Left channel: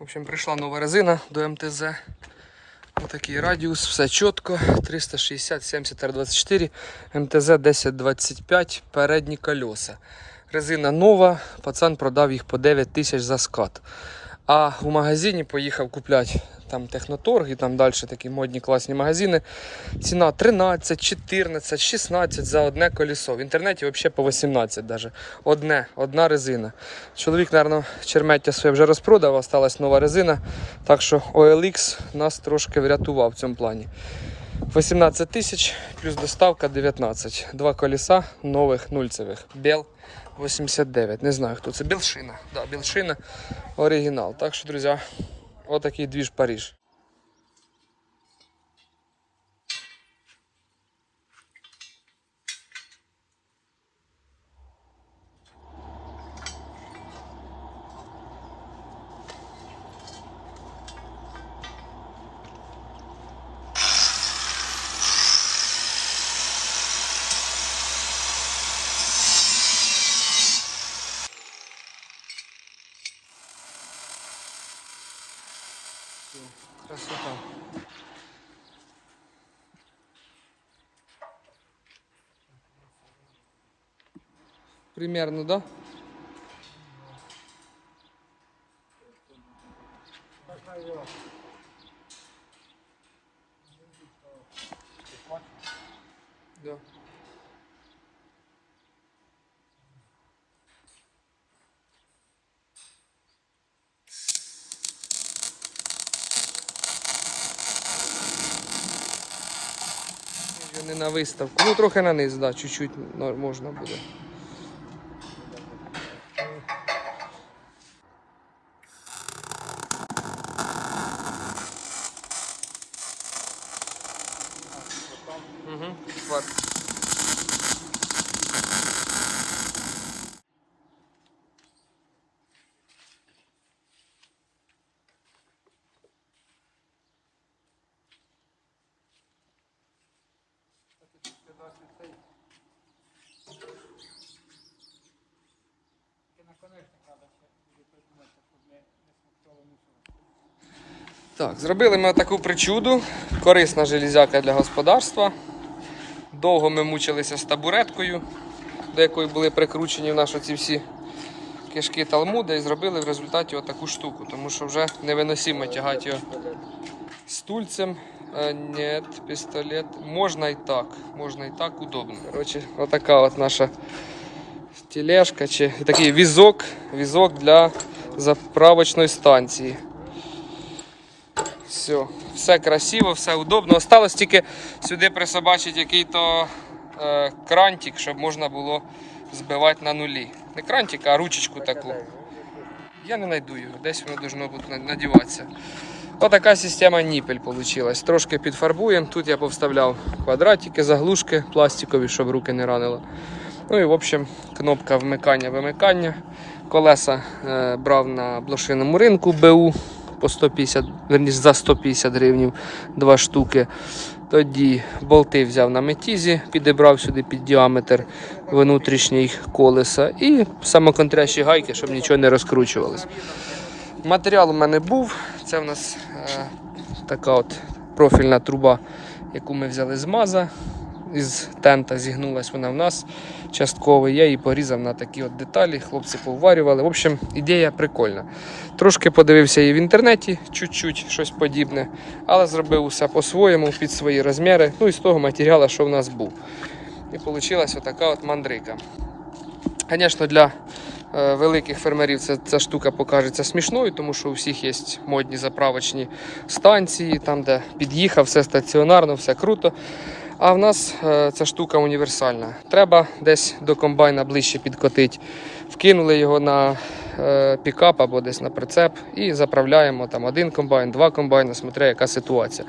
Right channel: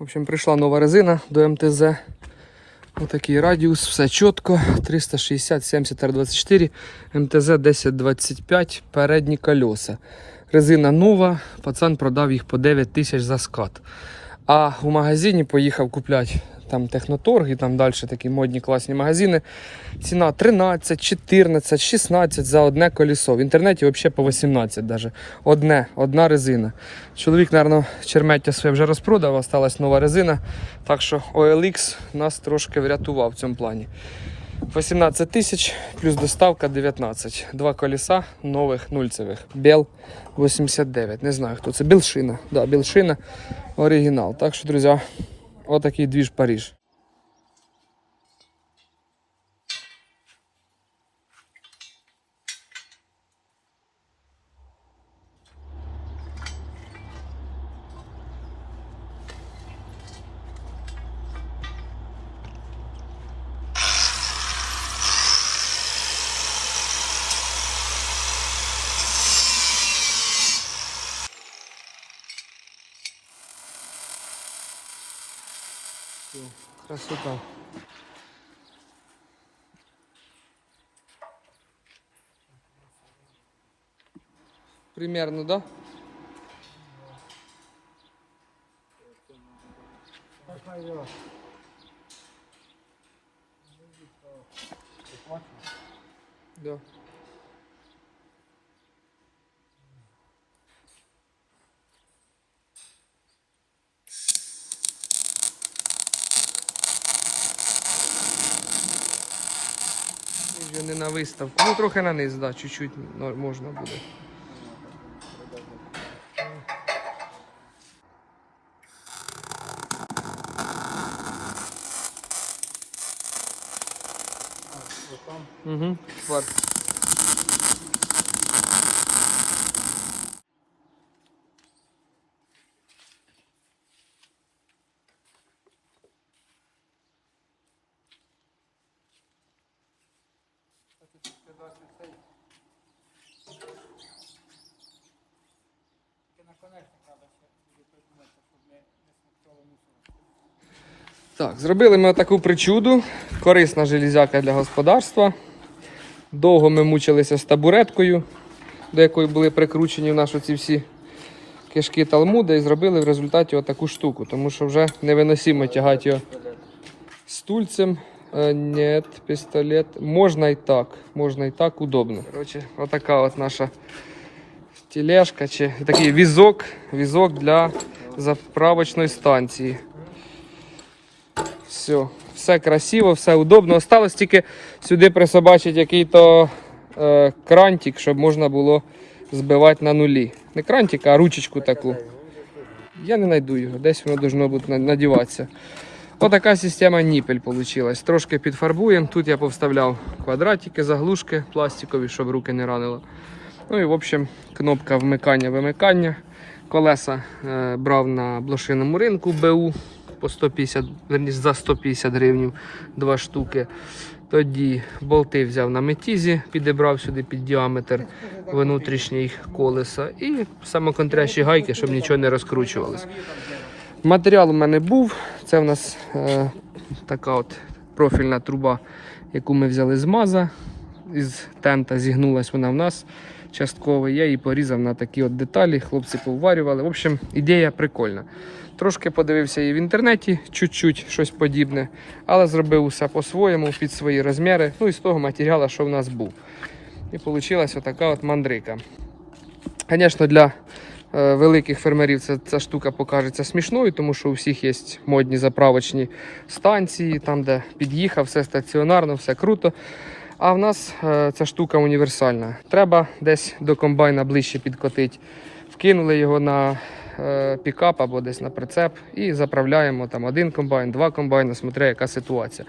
В общем, прийшла нова резина до МТЗ. Отакий радіус, все чітко. 360 70 R24, МТЗ 1025, передні колеса. Резина нова, пацан продав їх по 9 тисяч за скат. А у магазині поїхав купляти там техноторг і там далі такі модні класні магазини. Ціна 13, 14, 16 за одне колесо. В інтернеті взагалі по 18 даже. Одне, одна резина. Чоловік, мабуть, чермеття своє вже розпродав, осталась нова резина. Так що OLX нас трошки врятував в цьому плані. 18 тисяч плюс доставка 19. Два колеса нових нульцевих. Бел 89. Не знаю хто це. Білшина. Да, Білшина оригінал. Так що, друзі, отакий двіж Париж. Красота. Примерно, да? Да. Вже не на виставку. Ну трохи на низ, да, чуть-чуть можна буде. Угу. Хват. Так, зробили ми таку причуду. Корисна железяка для господарства. Довго ми мучилися з табуреткою, до якої були прикручені в наші ці всі кишки талмуда і зробили в результаті отаку штуку, тому що вже невиносимо тягати його стульцем. Е, Ні, пістолет. Можна і так. Можна і так удобно. Коротше, отака от наша тележка чи такий візок, візок для заправочної станції. Все, все красиво, все удобно. Осталось тільки сюди присобачити який-то е, крантик, щоб можна було збивати на нулі. Не крантик, а ручечку таку. Я не знайду його, десь воно должно бути надіватися. Отака система ніпель вийшла. Трошки підфарбуємо. Тут я повставляв квадратики, заглушки пластикові, щоб руки не ранило. Ну і в общем, кнопка вмикання-вимикання. Колеса е, брав на блошиному ринку БУ по 150, верніше за 150 гривень, два штуки. Тоді болти взяв на метізі, підібрав сюди під діаметр внутрішній колеса і самоконтрящі гайки, щоб нічого не розкручувалось. Матеріал у мене був. Це в нас е, така от профільна труба, яку ми взяли з маза. Із тента зігнулась вона в нас частково. Я її порізав на такі от деталі. Хлопці поварювали. В общем, ідея прикольна. Трошки подивився її в інтернеті, чуть-чуть щось подібне, але зробив усе по-своєму, під свої розміри. Ну і з того матеріалу, що в нас був. І вийшла отака от мандрика. Звісно, для е, великих фермерів ця, ця штука покажеться смішною, тому що у всіх є модні заправочні станції, там, де під'їхав, все стаціонарно, все круто. А в нас е, ця штука універсальна. Треба десь до комбайна ближче підкотити. Вкинули його на е, пікап або десь на прицеп і заправляємо там один комбайн, два комбайни, смотря яка ситуація.